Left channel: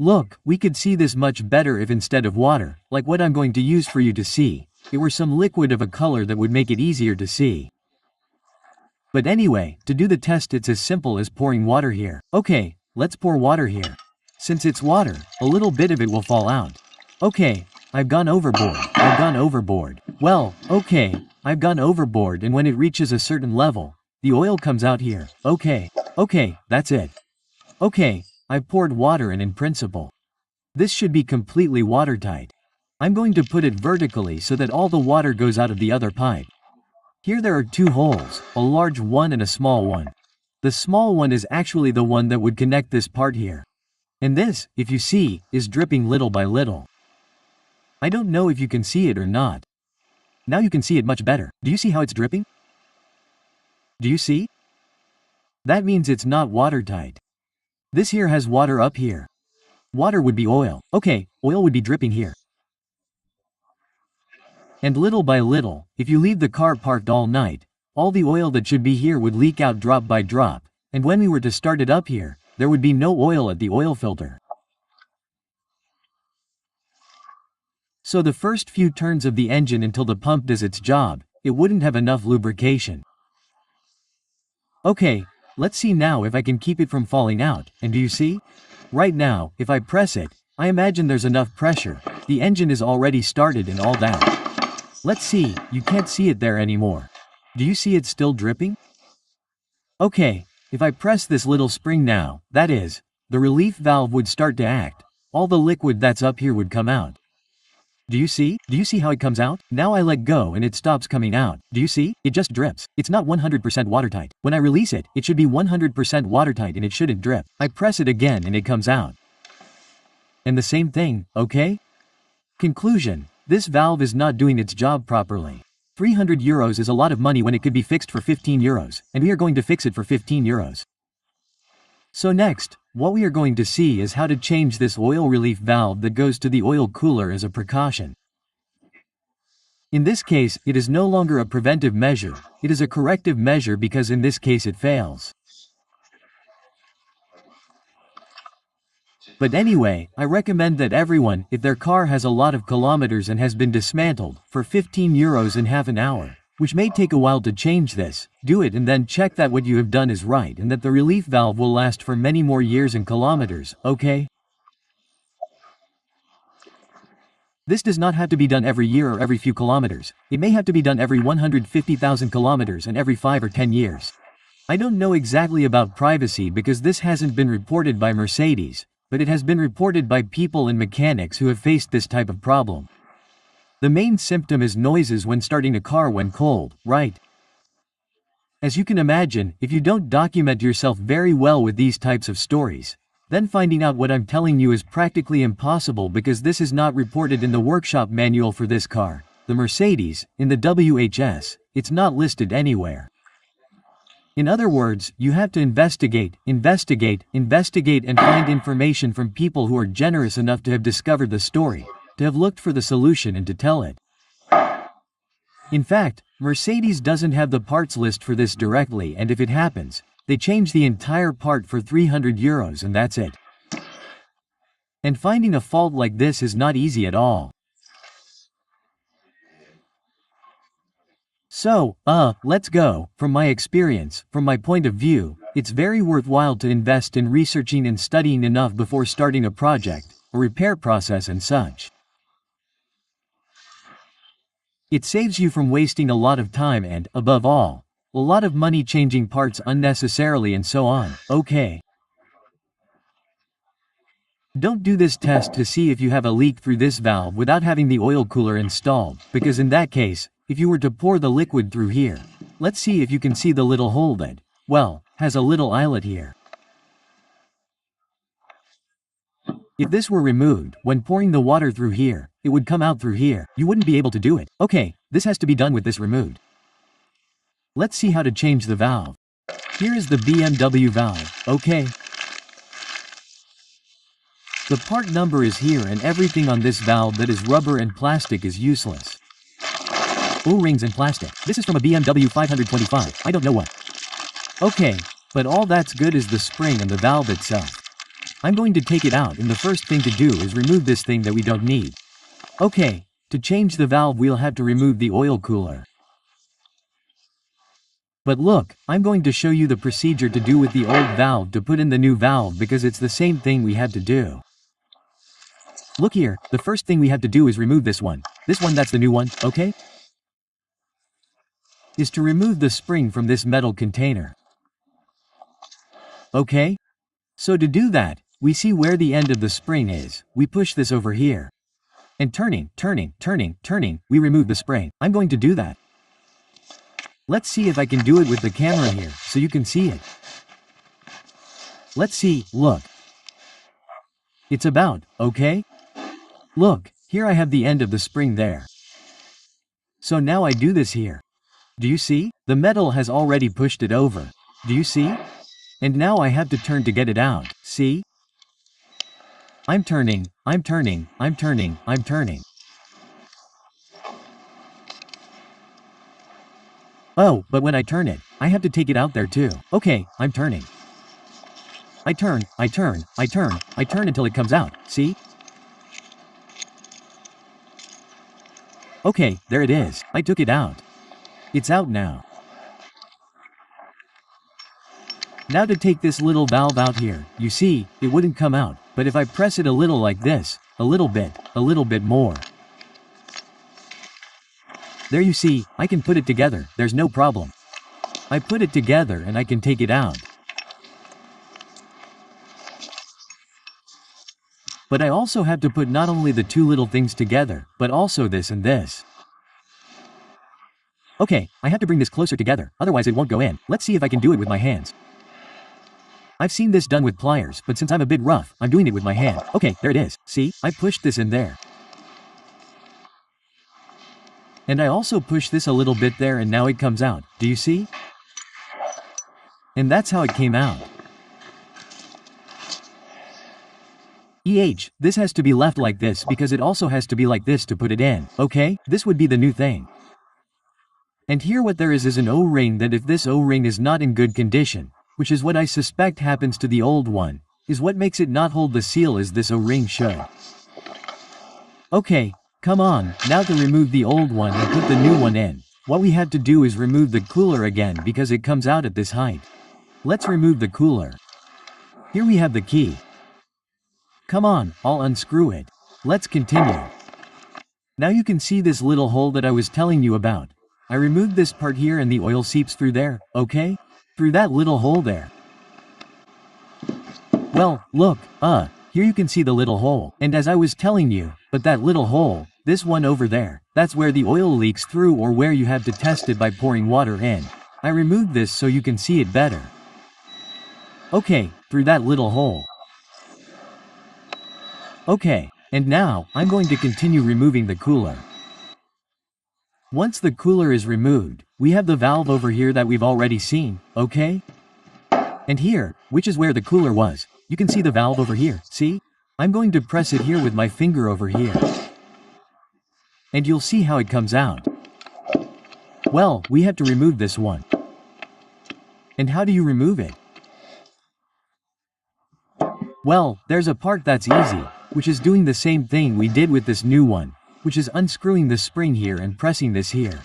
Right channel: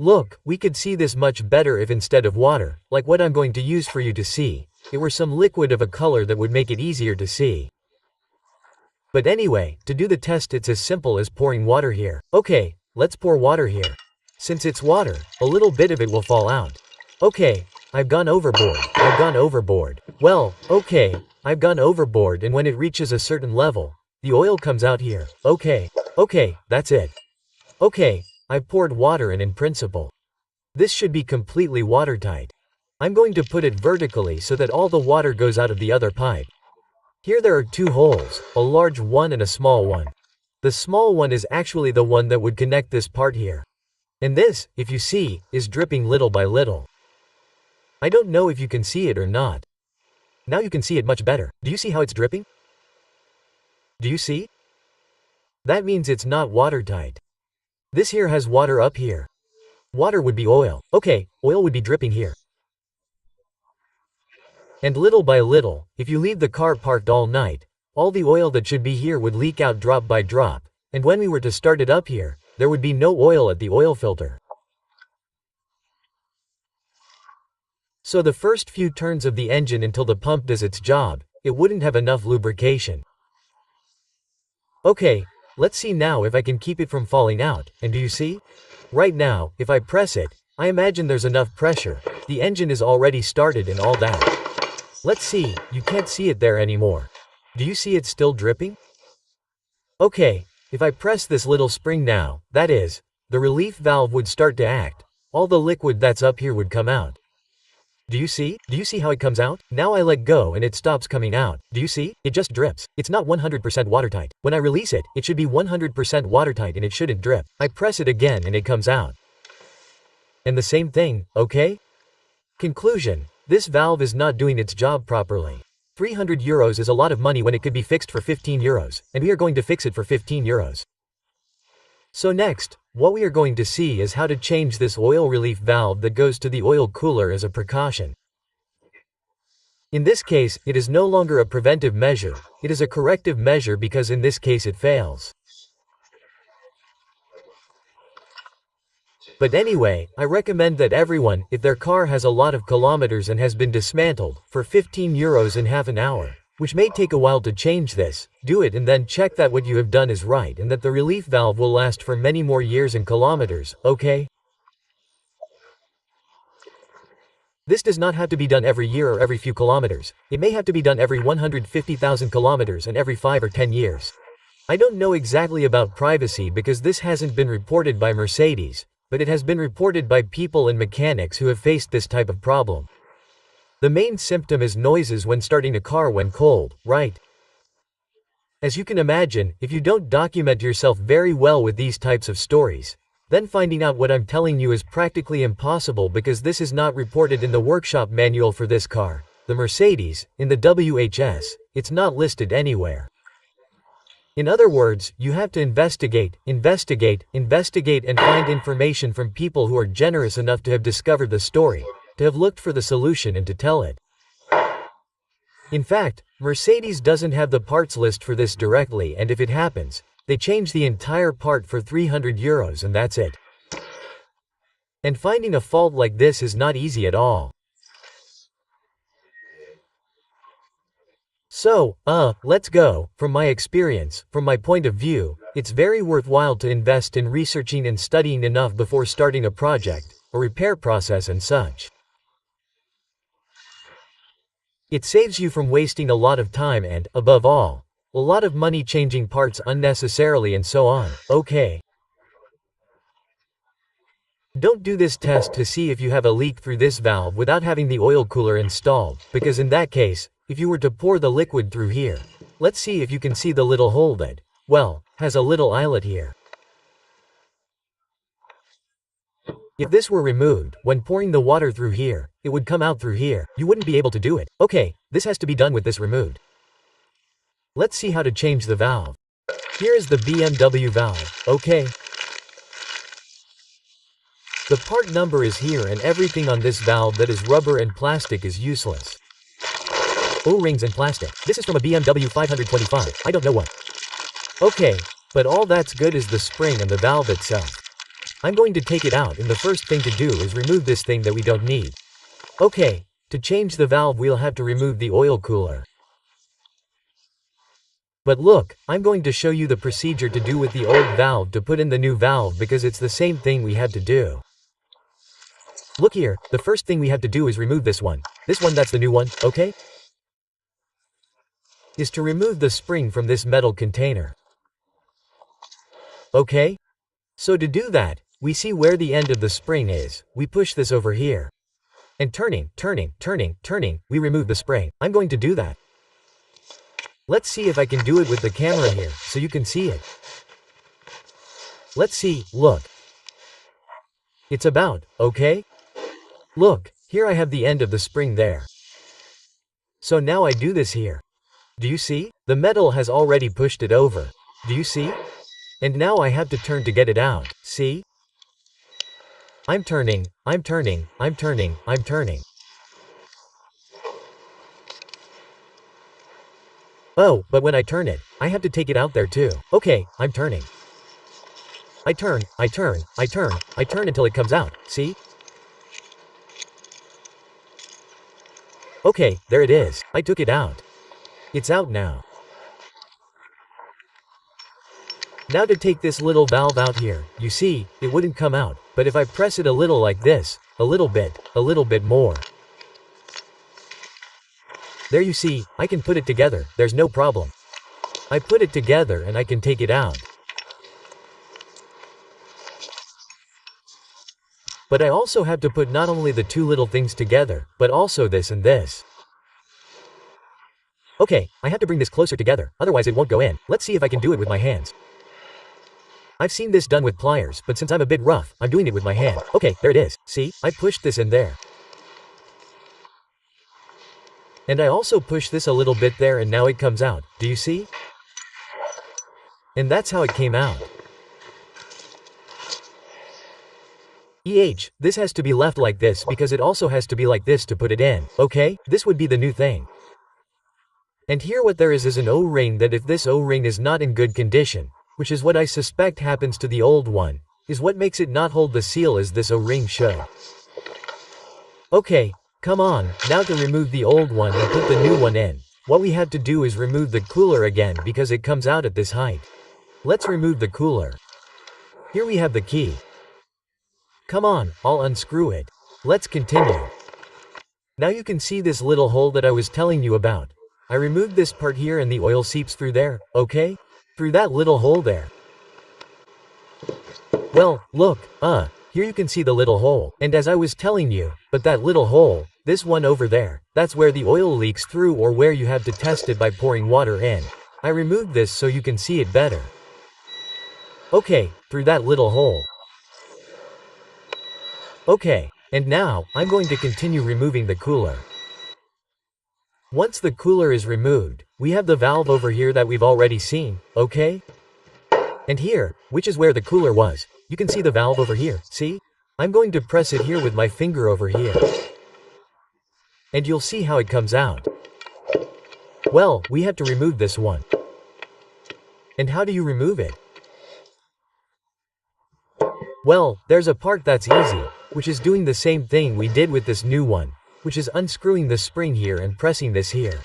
Look, we could see this much better if instead of water, like what I'm going to use for you to see, it were some liquid of a color that would make it easier to see. But anyway, to do the test it's as simple as pouring water here. Okay, let's pour water here. Since it's water, a little bit of it will fall out. Okay, I've gone overboard. Well, okay, I've gone overboard, and when it reaches a certain level, the oil comes out here. Okay, that's it. Okay, I've poured water, and in principle, this should be completely watertight. I'm going to put it vertically so that all the water goes out of the other pipe. Here there are two holes, a large one and a small one. The small one is actually the one that would connect this part here. And this, if you see, is dripping little by little. I don't know if you can see it or not. Now you can see it much better. Do you see how it's dripping? Do you see? That means it's not watertight. This here has water up here. Water would be oil. Okay, oil would be dripping here. And little by little, if you leave the car parked all night, all the oil that should be here would leak out drop by drop, and when we were to start it up here, there would be no oil at the oil filter. So the first few turns of the engine until the pump does its job, it wouldn't have enough lubrication. Okay, let's see now if I can keep it from falling out, and do you see? Right now, if I press it, I imagine there's enough pressure, the engine is already started and all that. Let's see, you can't see it there anymore. Do you see it still dripping? Okay, if I press this little spring now, that is, the relief valve would start to act, all the liquid that's up here would come out. Do you see? Do you see how it comes out? Now I let go and it stops coming out. Do you see? It just drips. It's not 100% watertight. When I release it, it should be 100% watertight and it shouldn't drip. I press it again and it comes out. And the same thing, okay? Conclusion. This valve is not doing its job properly. 300 euros is a lot of money when it could be fixed for 15 euros, and we are going to fix it for 15 euros. So next, what we are going to see is how to change this oil relief valve that goes to the oil cooler as a precaution. In this case, it is no longer a preventive measure, it is a corrective measure because in this case it fails. But anyway, I recommend that everyone, if their car has a lot of kilometers and has been dismantled, for 15 euros in half an hour, which may take a while to change this, do it and then check that what you have done is right and that the relief valve will last for many more years and kilometers, okay? This does not have to be done every year or every few kilometers. It may have to be done every 150,000 kilometers and every 5 or 10 years. I don't know exactly about privacy because this hasn't been reported by Mercedes, but it has been reported by people and mechanics who have faced this type of problem. The main symptom is noises when starting a car when cold, right? As you can imagine, if you don't document yourself very well with these types of stories, then finding out what I'm telling you is practically impossible because this is not reported in the workshop manual for this car, the Mercedes, in the WHS, it's not listed anywhere. In other words, you have to investigate, and find information from people who are generous enough to have discovered the story, to have looked for the solution and to tell it. In fact, Mercedes doesn't have the parts list for this directly, and if it happens, they change the entire part for 300 euros and that's it. And finding a fault like this is not easy at all. So, let's go. From my experience, from my point of view, it's very worthwhile to invest in researching and studying enough before starting a project, a repair process and such. It saves you from wasting a lot of time and, above all, a lot of money changing parts unnecessarily and so on, okay? Don't do this test to see if you have a leak through this valve without having the oil cooler installed, because in that case, if you were to pour the liquid through here, let's see if you can see the little hole that, well, has a little eyelet here. If this were removed, when pouring the water through here, it would come out through here. You wouldn't be able to do it. Okay, this has to be done with this removed. Let's see how to change the valve. Here is the BMW valve, okay? The part number is here and everything on this valve that is rubber and plastic is useless. O-rings and plastic. This is from a BMW 525, I don't know what. Okay, but all that's good is the spring and the valve itself. I'm going to take it out, and the first thing to do is remove this thing that we don't need. Okay, to change the valve we'll have to remove the oil cooler. But look, I'm going to show you the procedure to do with the old valve to put in the new valve because it's the same thing we had to do. Look here, the first thing we have to do is remove this one. This one, that's the new one, okay? Is to remove the spring from this metal container. Okay? So to do that, we see where the end of the spring is, we push this over here. And turning, we remove the spring. I'm going to do that. Let's see if I can do it with the camera here, so you can see it. Let's see, look. It's about, okay? Look, here I have the end of the spring there. So now I do this here. Do you see? The metal has already pushed it over. Do you see? And now I have to turn to get it out, see? I'm turning. Oh, but when I turn it, I have to take it out there too. Okay, I'm turning. I turn until it comes out, see? Okay, there it is. I took it out. It's out now. Now to take this little valve out here, you see, it wouldn't come out, but if I press it a little like this, a little bit more. There you see, I can put it together, there's no problem. I put it together and I can take it out. But I also have to put not only the two little things together, but also this and this. Okay, I have to bring this closer together, otherwise it won't go in. Let's see if I can do it with my hands. I've seen this done with pliers, but since I'm a bit rough, I'm doing it with my hand. Okay, there it is. See, I pushed this in there. And I also push this a little bit there and now it comes out. Do you see? And that's how it came out. This has to be left like this because it also has to be like this to put it in, okay? This would be the new thing. And here what there is an O-ring that if this O-ring is not in good condition, which is what I suspect happens to the old one, is what makes it not hold the seal as this O-ring should. Okay, come on, now to remove the old one and put the new one in, what we have to do is remove the cooler again because it comes out at this height. Let's remove the cooler. Here we have the key. Come on, I'll unscrew it. Let's continue. Now you can see this little hole that I was telling you about. I removed this part here and the oil seeps through there, okay? Through that little hole there. Well, look, here you can see the little hole. And as I was telling you, but that little hole, this one over there, that's where the oil leaks through or where you have to test it by pouring water in. I removed this so you can see it better. Okay, through that little hole. Okay, and now, I'm going to continue removing the cooler. Once the cooler is removed, we have the valve over here that we've already seen, okay? And here, which is where the cooler was, you can see the valve over here, see? I'm going to press it here with my finger over here. And you'll see how it comes out. Well, we have to remove this one. And how do you remove it? Well, there's a part that's easy, which is doing the same thing we did with this new one, which is unscrewing the spring here and pressing this here.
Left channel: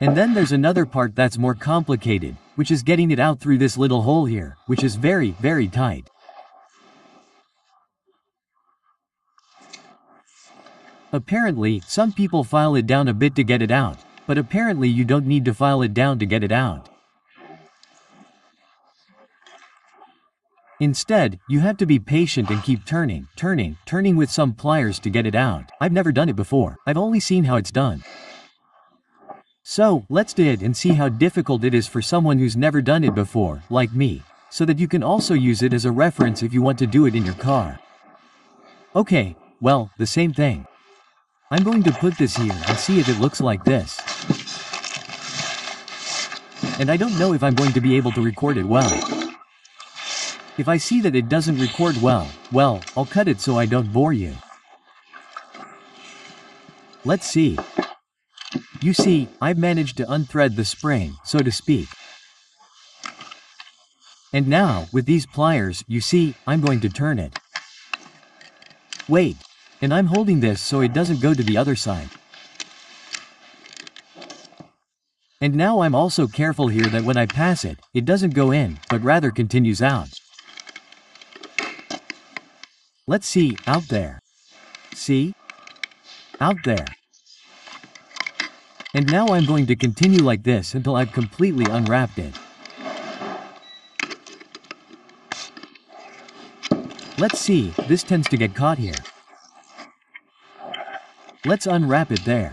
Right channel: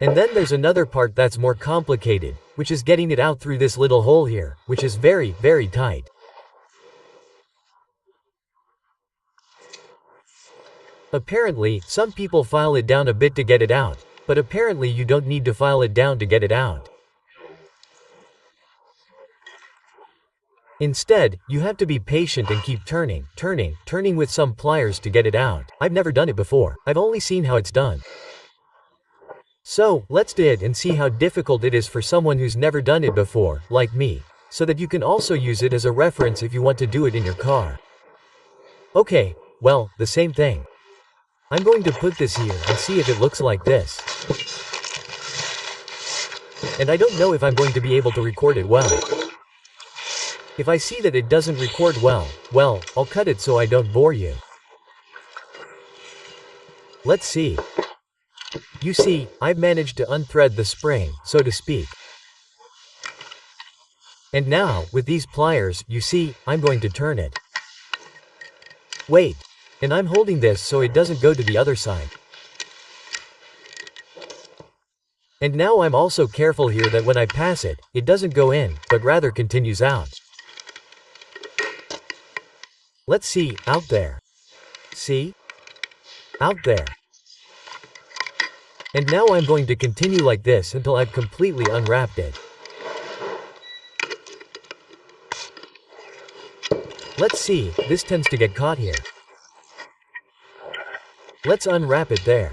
And then there's another part that's more complicated, which is getting it out through this little hole here, which is very, very tight. Apparently, some people file it down a bit to get it out, but apparently you don't need to file it down to get it out. Instead, you have to be patient and keep turning with some pliers to get it out. I've never done it before. I've only seen how it's done. So, let's do it and see how difficult it is for someone who's never done it before, like me, so that you can also use it as a reference if you want to do it in your car. Okay, well, the same thing. I'm going to put this here and see if it looks like this. And I don't know if I'm going to be able to record it well. If I see that it doesn't record well, I'll cut it so I don't bore you. Let's see. You see, I've managed to unthread the spring, so to speak. And now, with these pliers, you see, I'm going to turn it. Wait. And I'm holding this so it doesn't go to the other side. And now I'm also careful here that when I pass it, it doesn't go in, but rather continues out. Let's see, out there. See? Out there. And now I'm going to continue like this until I've completely unwrapped it. Let's see, this tends to get caught here. Let's unwrap it there.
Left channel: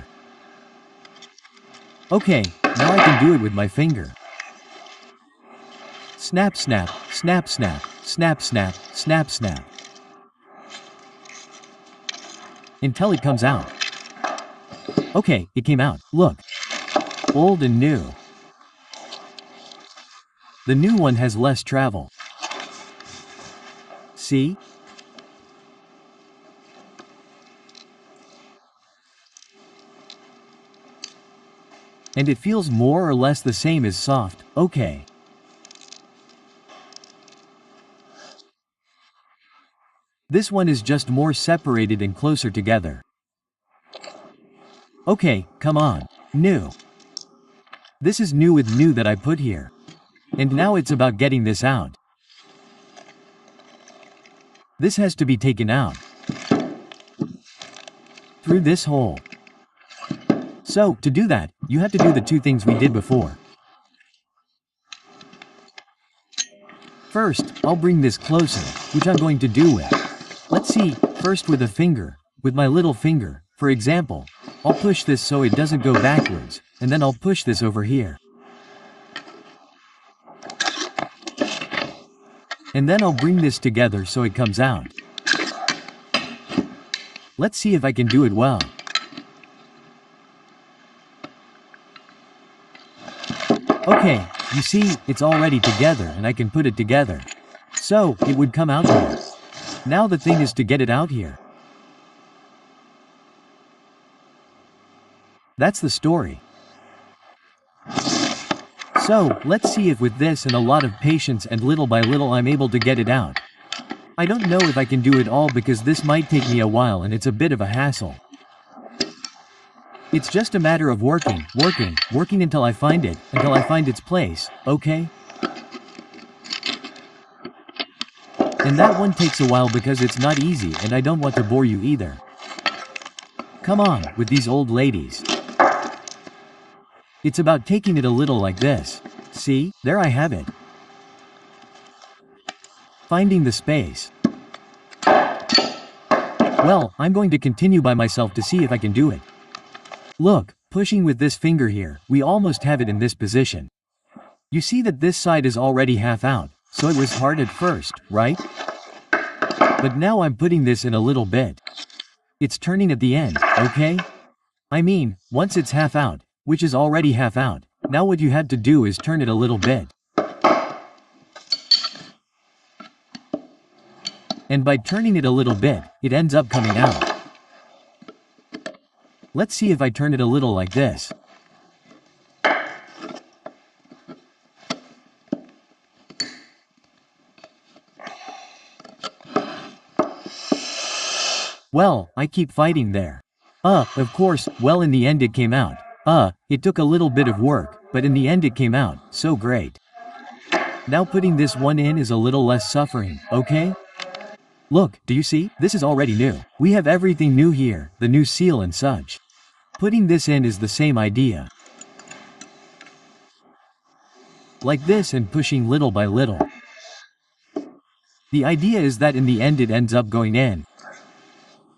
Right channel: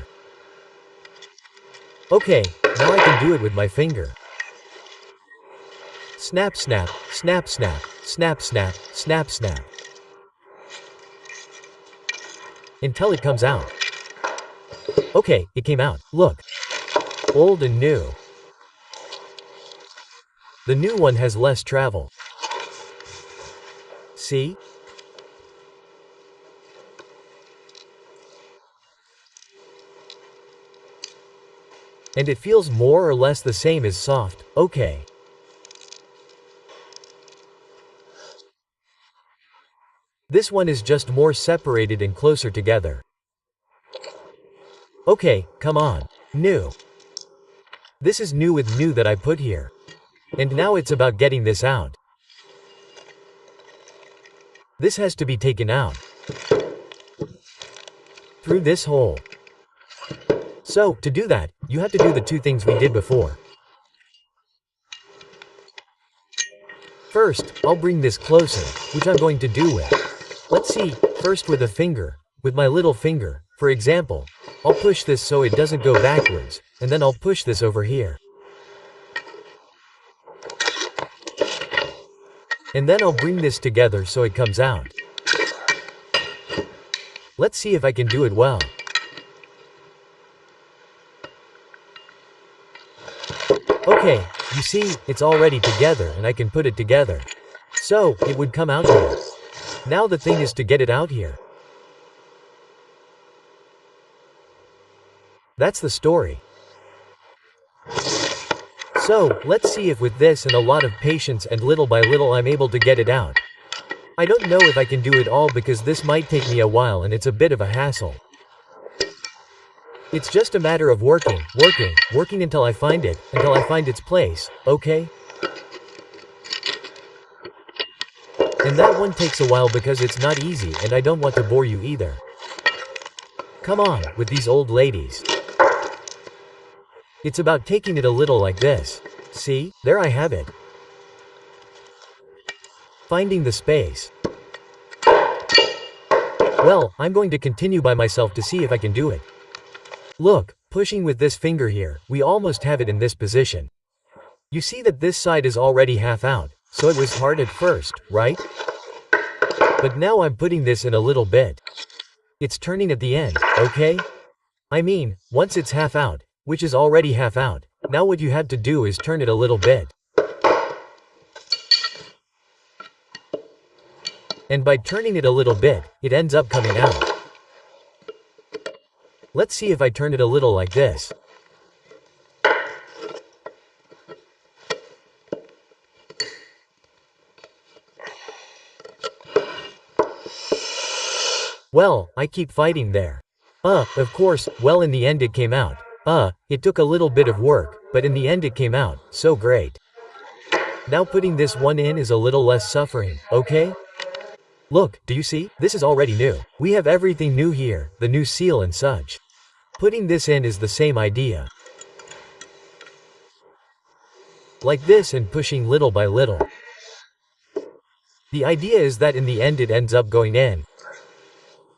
Okay, now I can do it with my finger. Snap, snap, snap, snap, snap, snap, snap, snap. Until it comes out. Okay, it came out. Look. Old and new. The new one has less travel. See? And it feels more or less the same as soft, okay. This one is just more separated and closer together. Okay, come on. New. This is new with new that I put here. And now it's about getting this out. This has to be taken out. Through this hole. So, to do that, you have to do the two things we did before. First, I'll bring this closer, which I'm going to do with. Let's see, first with a finger, with my little finger, for example. I'll push this so it doesn't go backwards, and then I'll push this over here. And then I'll bring this together so it comes out. Let's see if I can do it well. Okay, you see, it's already together and I can put it together. So, it would come out here. Now the thing is to get it out here. That's the story. So, let's see if with this and a lot of patience and little by little I'm able to get it out. I don't know if I can do it all because this might take me a while and it's a bit of a hassle. It's just a matter of working until I find it, until I find its place, okay? And that one takes a while because it's not easy and I don't want to bore you either. Come on, with these old ladies. It's about taking it a little like this. See, there I have it. Finding the space. Well, I'm going to continue by myself to see if I can do it. Look, pushing with this finger here, we almost have it in this position. You see that this side is already half out, so it was hard at first, right? But now I'm putting this in a little bit. It's turning at the end, okay? I mean, once it's half out, which is already half out, now what you have to do is turn it a little bit. And by turning it a little bit, it ends up coming out. Let's see if I turn it a little like this. Well, I keep fighting there. Of course, well in the end it came out. It took a little bit of work, but in the end it came out, so great. Now putting this one in is a little less suffering, okay? Look, do you see? This is already new. We have everything new here, the new seal and such. Putting this in is the same idea. Like this and pushing little by little. The idea is that in the end it ends up going in.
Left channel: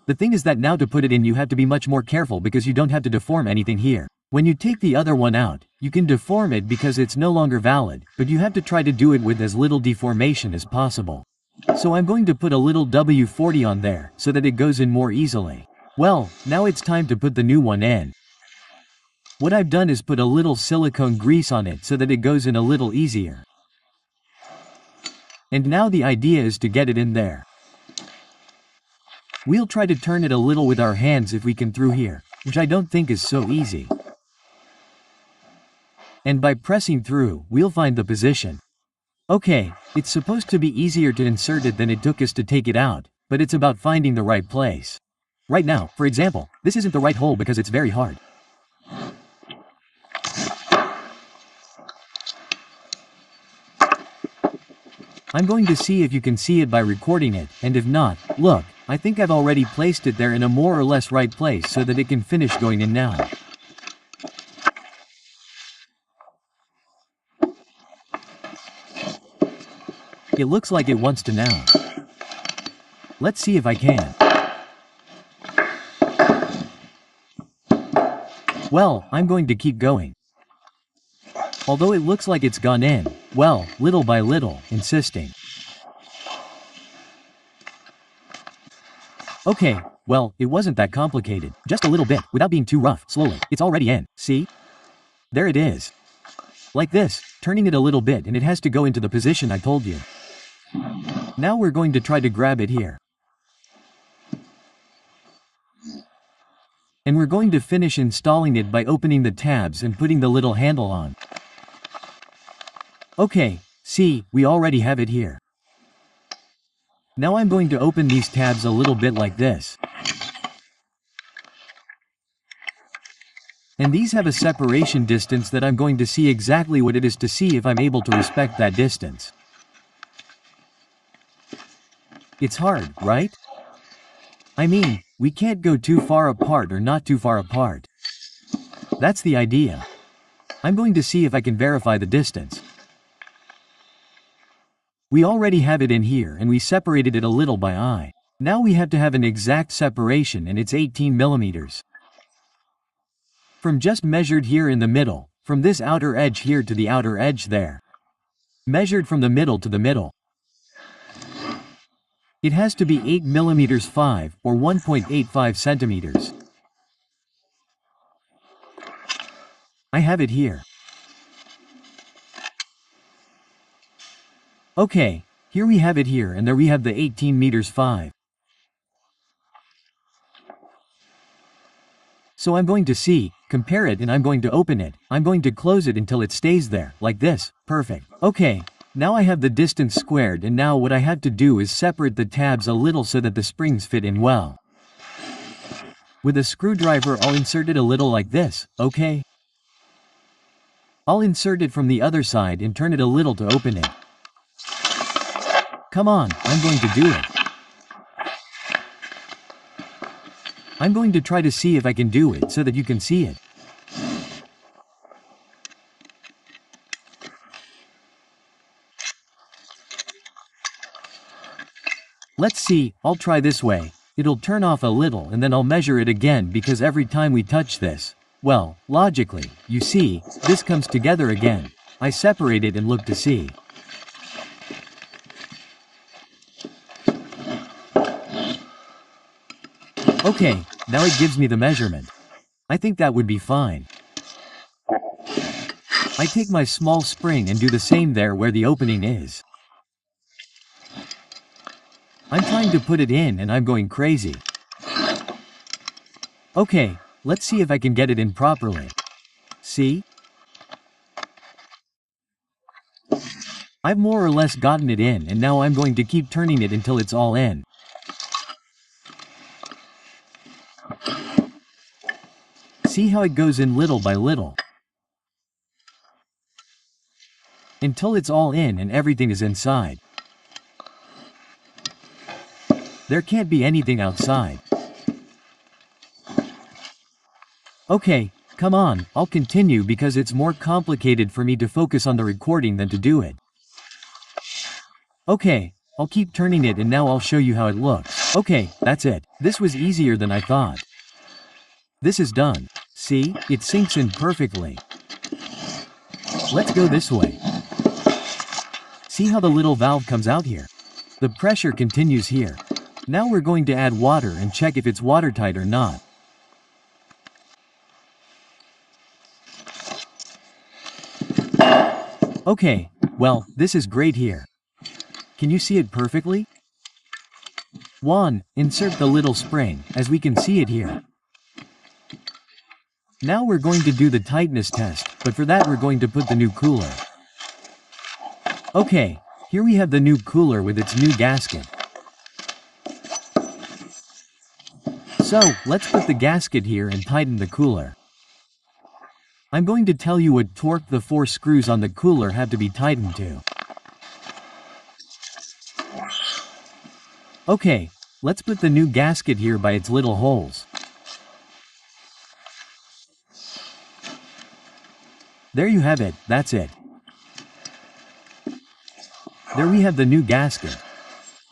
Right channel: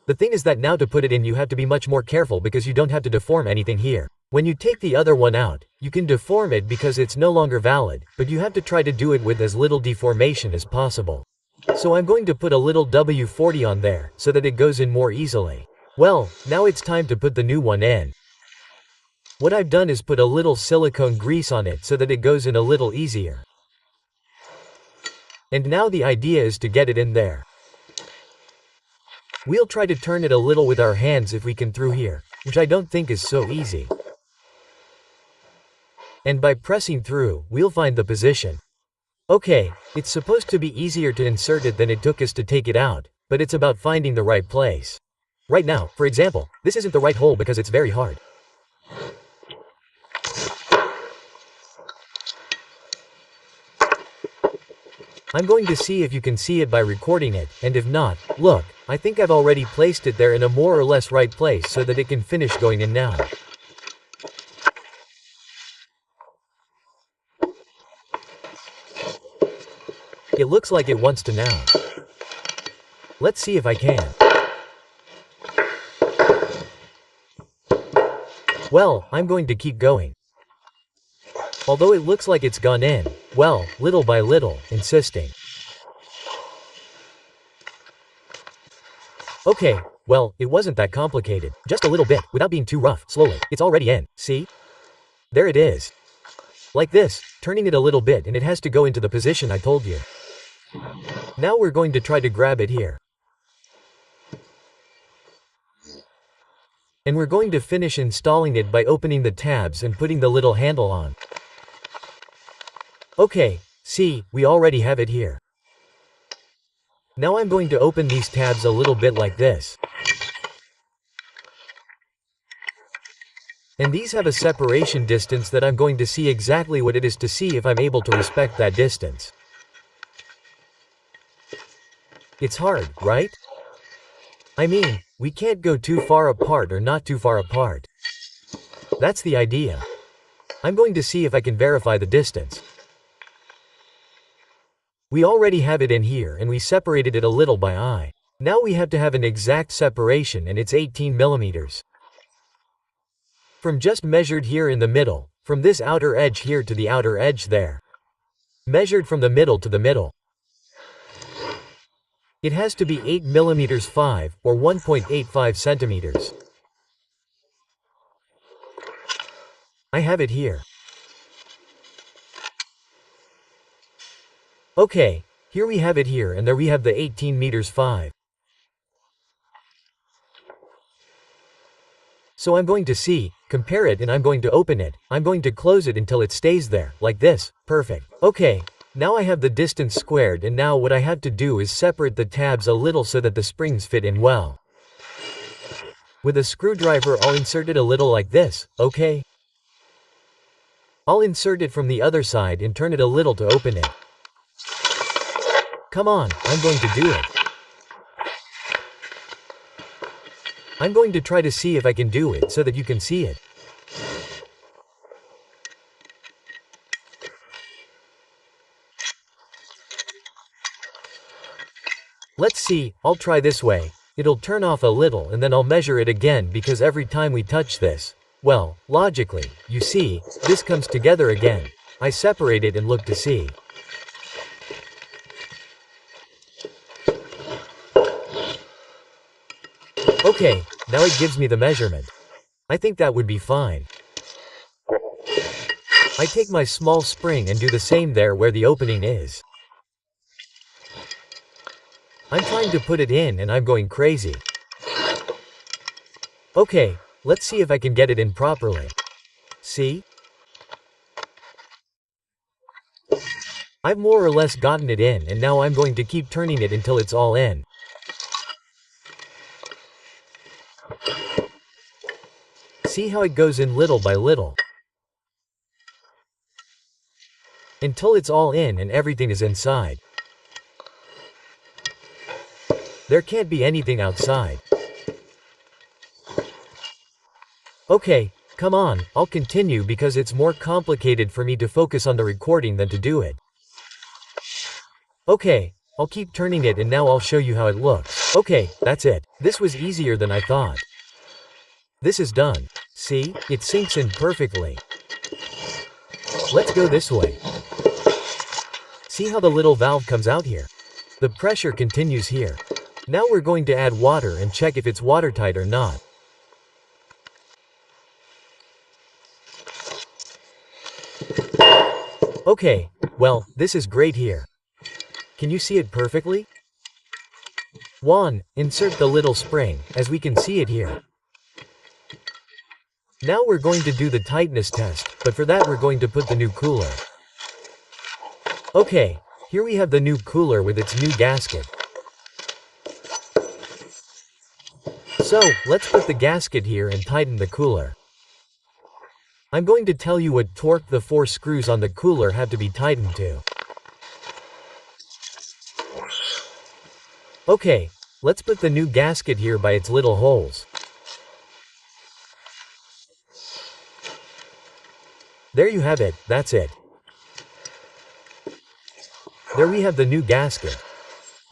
The thing is that now to put it in you have to be much more careful because you don't have to deform anything here. When you take the other one out, you can deform it because it's no longer valid, but you have to try to do it with as little deformation as possible. So I'm going to put a little W40 on there, so that it goes in more easily. Well, now it's time to put the new one in. What I've done is put a little silicone grease on it so that it goes in a little easier. And now the idea is to get it in there. We'll try to turn it a little with our hands if we can through here, which I don't think is so easy. And by pressing through, we'll find the position. Okay, it's supposed to be easier to insert it than it took us to take it out, but it's about finding the right place. Right now, for example, this isn't the right hole because it's very hard. I'm going to see if you can see it by recording it, and if not, look, I think I've already placed it there in a more or less right place so that it can finish going in now. It looks like it wants to now. Let's see if I can. Well, I'm going to keep going. Although it looks like it's gone in, well, little by little, insisting. Okay, well, it wasn't that complicated. Just a little bit, without being too rough, slowly. It's already in, see? There it is. Like this, turning it a little bit and it has to go into the position I told you. Now we're going to try to grab it here. And we're going to finish installing it by opening the tabs and putting the little handle on. Okay, see, we already have it here. Now I'm going to open these tabs a little bit like this. And these have a separation distance that I'm going to see exactly what it is to see if I'm able to respect that distance. It's hard, right? I mean, we can't go too far apart or not too far apart. That's the idea. I'm going to see if I can verify the distance. We already have it in here and we separated it a little by eye. Now we have to have an exact separation and it's 18 millimeters. From just measured here in the middle, from this outer edge here to the outer edge there. Measured from the middle to the middle. It has to be 8 millimeters 5, or 1.85 centimeters. I have it here. Okay, here we have it here and there we have the 18 meters 5. So I'm going to see, compare it and I'm going to open it, I'm going to close it until it stays there, like this, perfect. Okay, now I have the distance squared and now what I have to do is separate the tabs a little so that the springs fit in well. With a screwdriver I'll insert it a little like this, okay? I'll insert it from the other side and turn it a little to open it. Come on, I'm going to do it. I'm going to try to see if I can do it so that you can see it. Let's see, I'll try this way. It'll turn off a little and then I'll measure it again because every time we touch this, well, logically, you see, this comes together again. I separate it and look to see. Okay, now it gives me the measurement. I think that would be fine. I take my small spring and do the same there where the opening is. I'm trying to put it in and I'm going crazy. Okay, let's see if I can get it in properly. See? I've more or less gotten it in and now I'm going to keep turning it until it's all in. See how it goes in little by little. Until it's all in and everything is inside. There can't be anything outside. Okay, come on, I'll continue because it's more complicated for me to focus on the recording than to do it. Okay, I'll keep turning it and now I'll show you how it looks. Okay, that's it. This was easier than I thought. This is done. See, it sinks in perfectly. Let's go this way. See how the little valve comes out here? The pressure continues here. Now we're going to add water and check if it's watertight or not. Okay, well, this is great here. Can you see it perfectly? 1. Insert the little spring, as we can see it here. Now we're going to do the tightness test, but for that we're going to put the new cooler. Okay, Here we have the new cooler with its new gasket. So, let's put the gasket here and tighten the cooler. I'm going to tell you what torque the 4 screws on the cooler have to be tightened to. Okay, let's put the new gasket here by its little holes. There you have it, that's it. There we have the new gasket.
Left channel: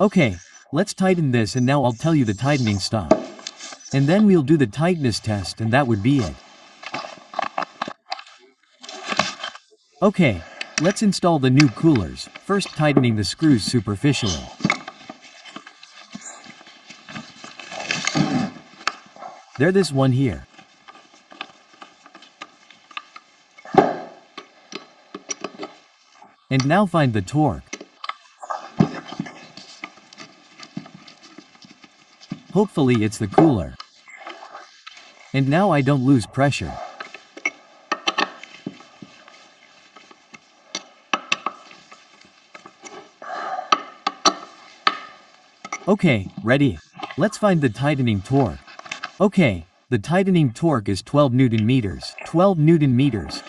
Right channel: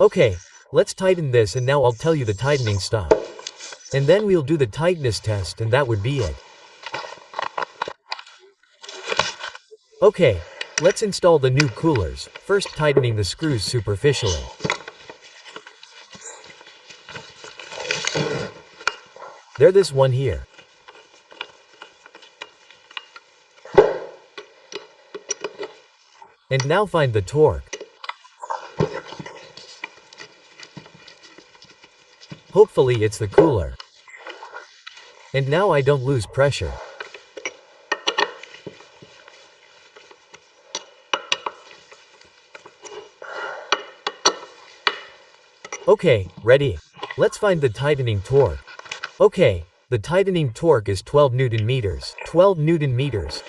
Okay, let's tighten this and now I'll tell you the tightening stuff. And then we'll do the tightness test and that would be it. Okay, let's install the new coolers, first tightening the screws superficially. There, this one here. And now find the torque. Hopefully it's the cooler. And now I don't lose pressure. Okay, ready. Let's find the tightening torque. Okay, the tightening torque is 12 Newton meters. 12 Newton meters.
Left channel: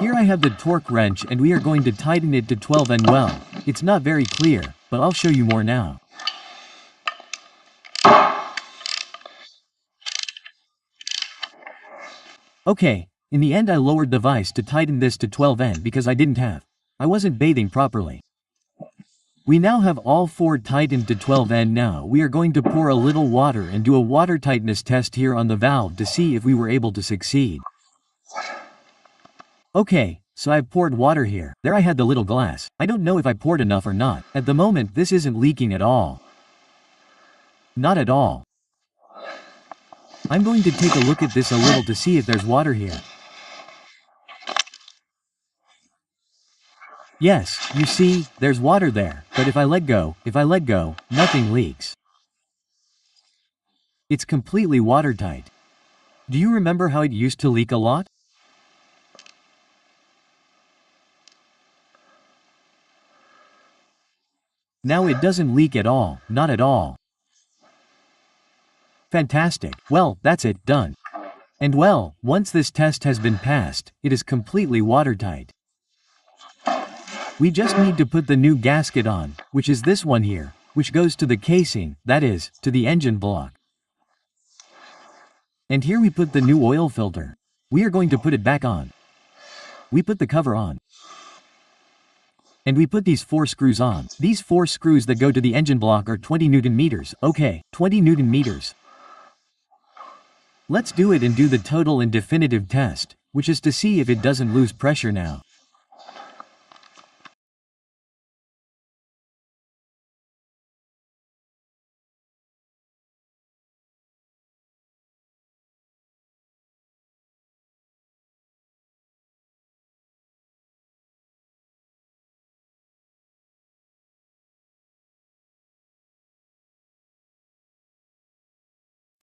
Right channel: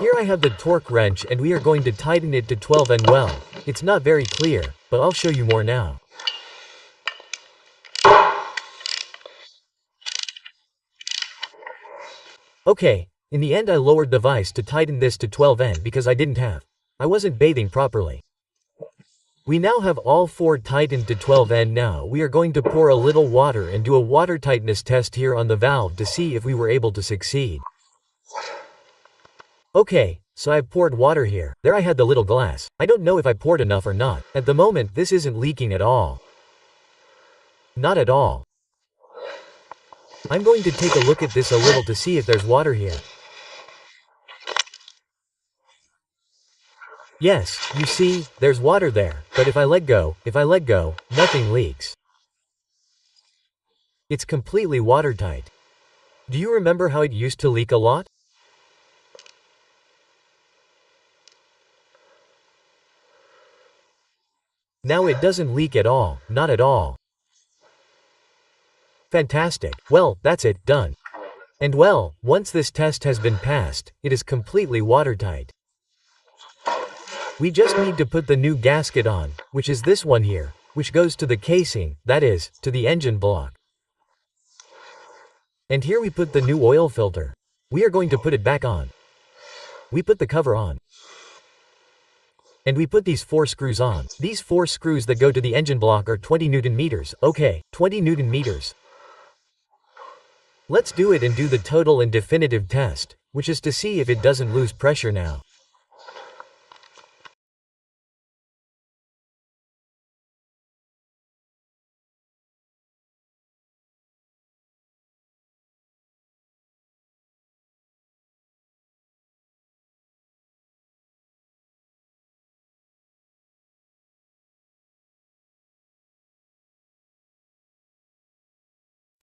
Here I have the torque wrench and we are going to tighten it to 12 and well, it's not very clear, but I'll show you more now. Okay, in the end I lowered the vise to tighten this to 12N because I wasn't bathing properly. We now have all 4 tightened to 12N. Now we are going to pour a little water and do a water tightness test here on the valve to see if we were able to succeed. Okay, so I've poured water here. There I had the little glass. I don't know if I poured enough or not. At the moment this isn't leaking at all. Not at all. I'm going to take a look at this a little to see if there's water here. Yes, you see, there's water there, but if I let go, nothing leaks. It's completely watertight. Do you remember how it used to leak a lot? Now it doesn't leak at all, not at all. Fantastic. Well, that's it, done. And well, once this test has been passed, it is completely watertight. We just need to put the new gasket on, which is this one here, which goes to the casing, that is, to the engine block. And here we put the new oil filter. We are going to put it back on. We put the cover on. And we put these 4 screws on. These 4 screws that go to the engine block are 20 Newton meters. Okay, 20 Newton meters. Let's do it and do the total and definitive test, which is to see if it doesn't lose pressure now.